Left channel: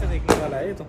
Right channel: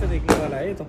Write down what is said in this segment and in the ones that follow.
से देखने वाला है ये तो।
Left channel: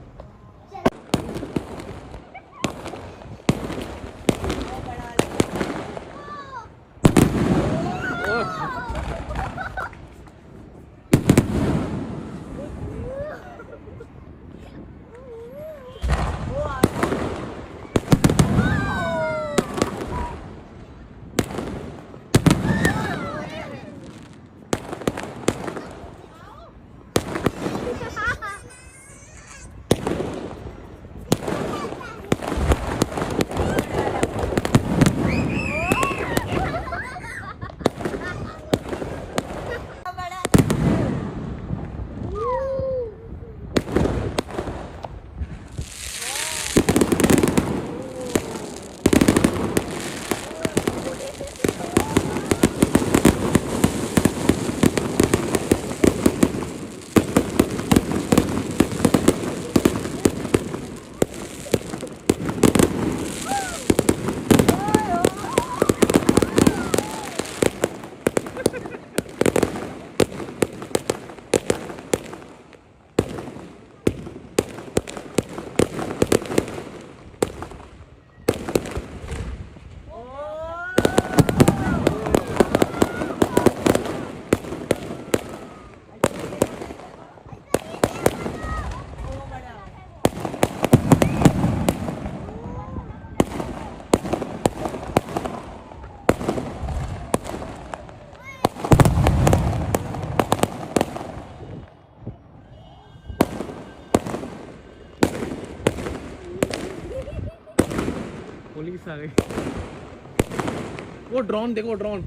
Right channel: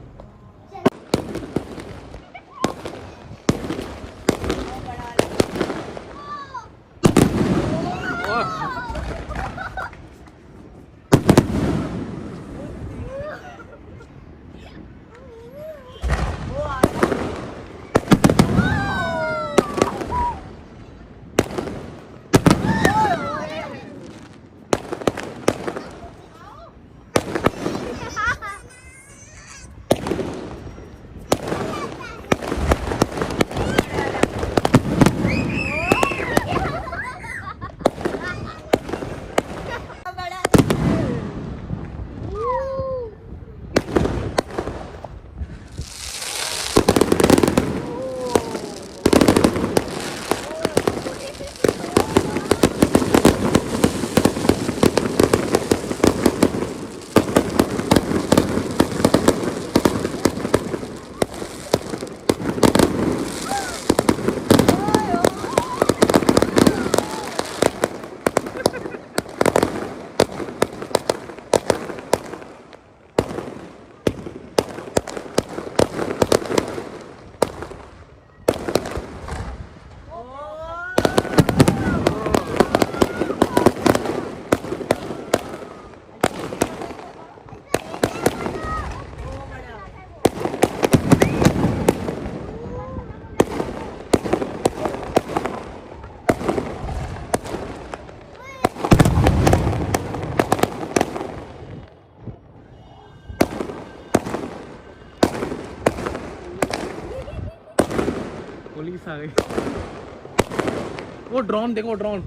वो ड्रोन देखो, ड्रोन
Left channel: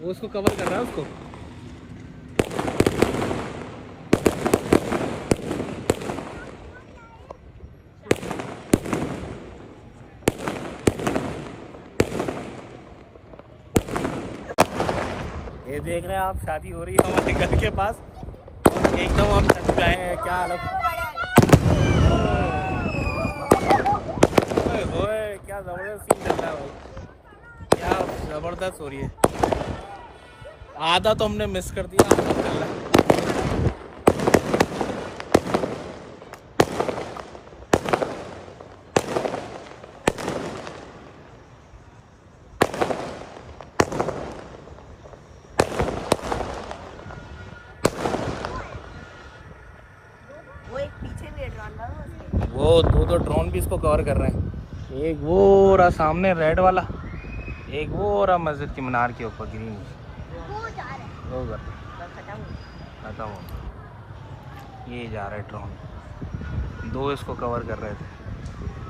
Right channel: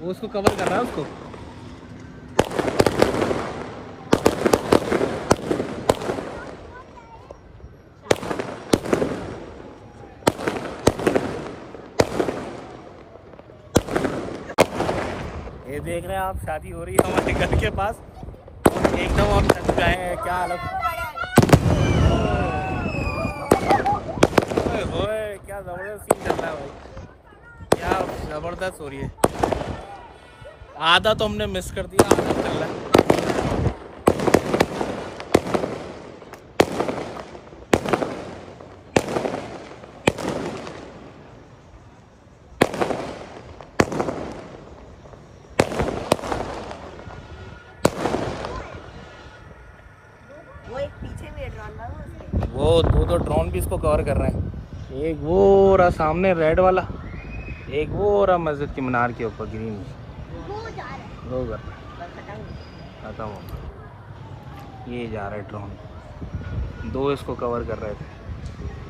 वो उसको कवर कर रहा है उसको। ये देख रहे हैं आप, शादी हो रही है हमारे घर के पास और एकदम हम थक गए हैं। क्या हालत, क्या जबरदस्त सीन चल रहा है भाई, क्या जबरदस्त हो रही है। आधा तो हमने मिस कर दिया, आधा चल रहा है। वो दो ड्रोन भी इसको कवर कर रहे हैं। एक वो रहा सामने रेड वाला, एक वो रहा मस्जिद की मीनार के ऊपर ग्रीन होगा। ये जा रहा है ड्रोन, दो इसको कवर कर रहे थे।